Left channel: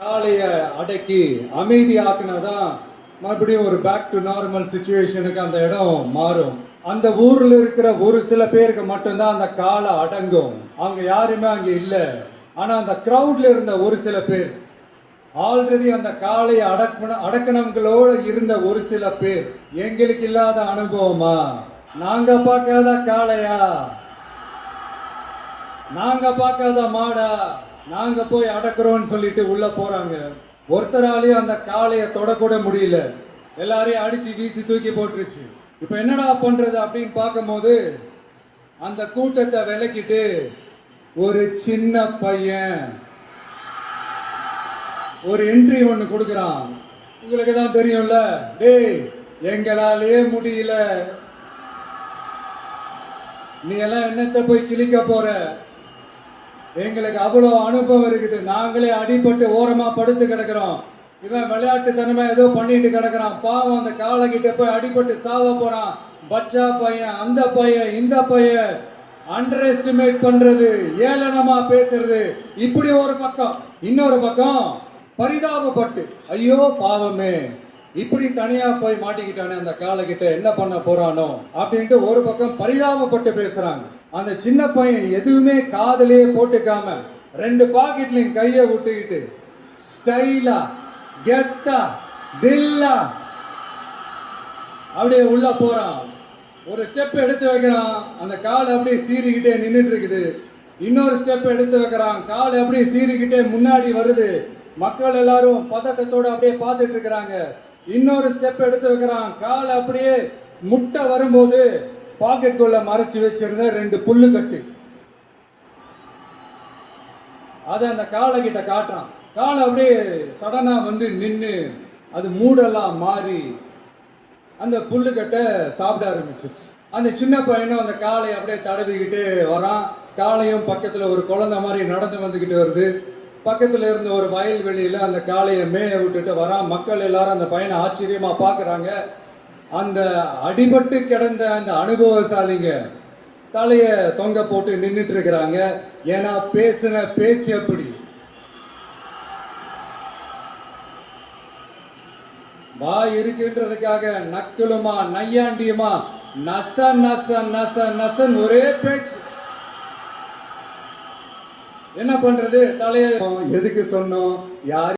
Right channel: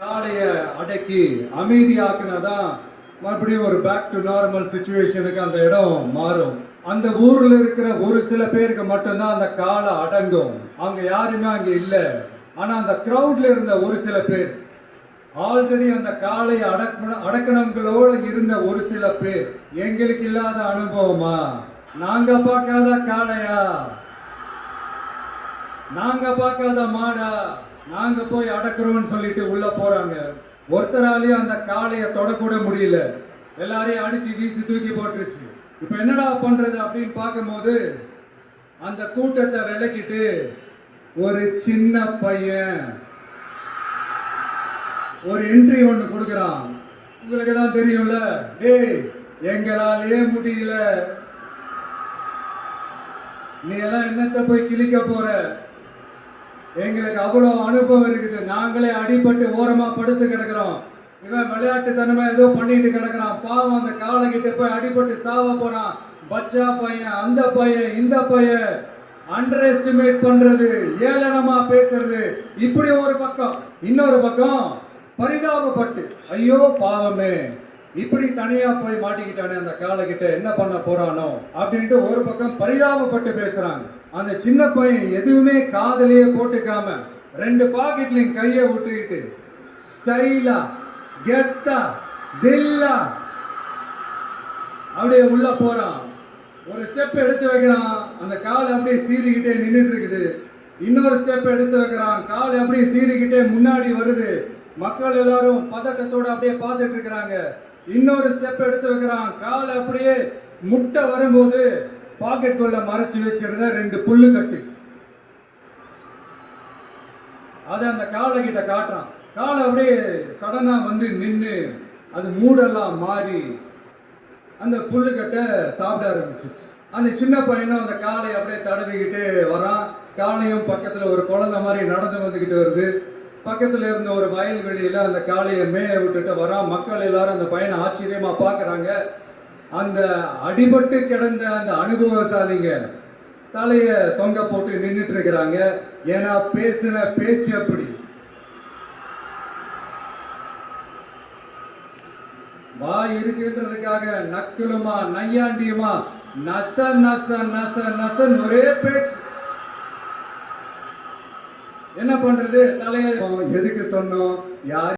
காலைய அடக்கி அமைதியாக்குனாதான் மறுபடியும் ஒரு பேக் டு நார்மல் சிச்சுவேஷனுக்கு அந்த இடம் மாறும். அந்த ஊர்ல இருக்கிற ஒரு சில பேருக்கு மட்டும்தான் அந்த காலை அடங்கும். அவங்க யாருமே அங்க இல்லை. ஆனா அந்த கிரௌட்ல இருந்த ஒரு சில பேர், ஆல்ரெடி அந்த காலை அடக்கணங்களோட இருந்த ஒரு சில பேர், எங்களுக்கு இல்லாத அனுபவமா, நாங்க பார்க்காத காளையா, நாங்க பார்க்காத மாடா, நாங்க போய் அடக்குறோம்னு சொல்லிட்டு உள்ள போறாங்க. ஒருத்தராலையும் அந்த காளையை தொடக்கூட முடியல. எல்லாரையும் அடிச்சு வீசி தூக்கி போட்டுருச்சு. இப்ப என்னடா பண்றது அப்படின்னு பார்க்கும்போது அந்த கூட்டத்தை விலக்கிட்டு ஒரு சின்ன பையன் ஒரு என்ட்ரி ஒண்ணு கொடுக்குறான். உங்களுக்கு தான் தெரியும்ல, டேய் எங்களாலே முடியல, நீ எல்லாம் என்னத்தை போய் கிழிக்க போற, எங்களுக்கு அவ்வளவு அனுபவம் இருக்குது, நாங்களே அடிபட்டு ஓரமா படுத்து கிடக்குறோம், இவன் விளையாட்டுத்தனமா ஏதோ பண்ணிட்டு கிடக்குறான், பாவம் அந்த காலை கிட்ட போய் அடிபட்டு சாவ போறான், பச்சா பையன், அந்த பையன், இந்த பையன், அண்டர் எஸ்டிமேட் பண்றது, ஏளனமா பேசுறது, இப்படி ஒரு பக்கம். இன்னொரு பக்கம் பரிதாபப்பட்டு, ஐயோ பாவமே இப்படி தனியா போய் மாட்டிக்கிட்டானே அந்த காலை கிட்ட, என்ன பண்ண போறானோ அப்படின்ட்டு ஒரு பக்கம் பரிதாபப்பட்டு பேசுறாங்க. அந்த சின்ன பையன் எதுவுமே காதலையே போட்டுக்காம ரெண்டு பாக்கெட்லையும் கையை விட்டுக்கிட்டு ஸ்டைலா கெத்தா தில்லா அப்படியே உள்ள போறான். ஒரு ஸ்டெப் எடுத்து வைக்கிறான், அந்த கால் அப்படியே சீறிக்கிட்டே நின்றுட்டு இருக்குது. இன்னொரு ஸ்டெப் எடுத்து வைக்கிறான், கால் அப்படியே சீறிக்கிட்டே முன்னாடி வருது. மக்கள் எல்லாரும் பதட்டத்தோட அப்படியே பார்த்துட்டு இருக்கிறாங்க. இன்னொரு ஸ்டெப் எடுத்து வைக்கிறான், கால் அப்படியே முட்டை வரும்போது பாக்கெட்டுக்குள்ள மறைச்சு வச்சிருந்த ரெண்டு புல்லு கட்டு அதை அந்த காலை கிட்ட காட்டுறான். காலை அப்படியே சடனா வந்து நின்று அது மூடெல்லாம் மாறி அந்த புல்லுக்கட்டை சாப்பிட ஆரம்பிச்சிருச்சு. அந்த சின்ன பையனும் அந்த காலை அப்படியே தடவிக்கிட்டு வரான். காலையும் பக்கத்துல ஒரு குழந்தை மாதிரி நடந்து வந்துகிட்டு வருது. பக்கத்துல இருந்த ஒரு வயல்வெளியில அந்த காளையை மேய விட்டுட்டு வரான். மக்கள் எல்லாரும் அந்த பையனை ஆச்சரியமா பாக்குறாங்க. அந்த அடிபட்டு கிடந்த அந்த அனுபவசாலிங்க தலைய தொங்க போட்டு நின்றுட்டு இருக்கிறாங்க. ஏன்னா பேசின பேச்சு அப்படி. வாய் இருக்குன்றதுக்காக நக்குலுமா நையாண்டியுமா நச நச நச நசன் ஒரே பேச்சு. என்ன பண்றது? தலைய எதுக்கு சொன்னோம், யார்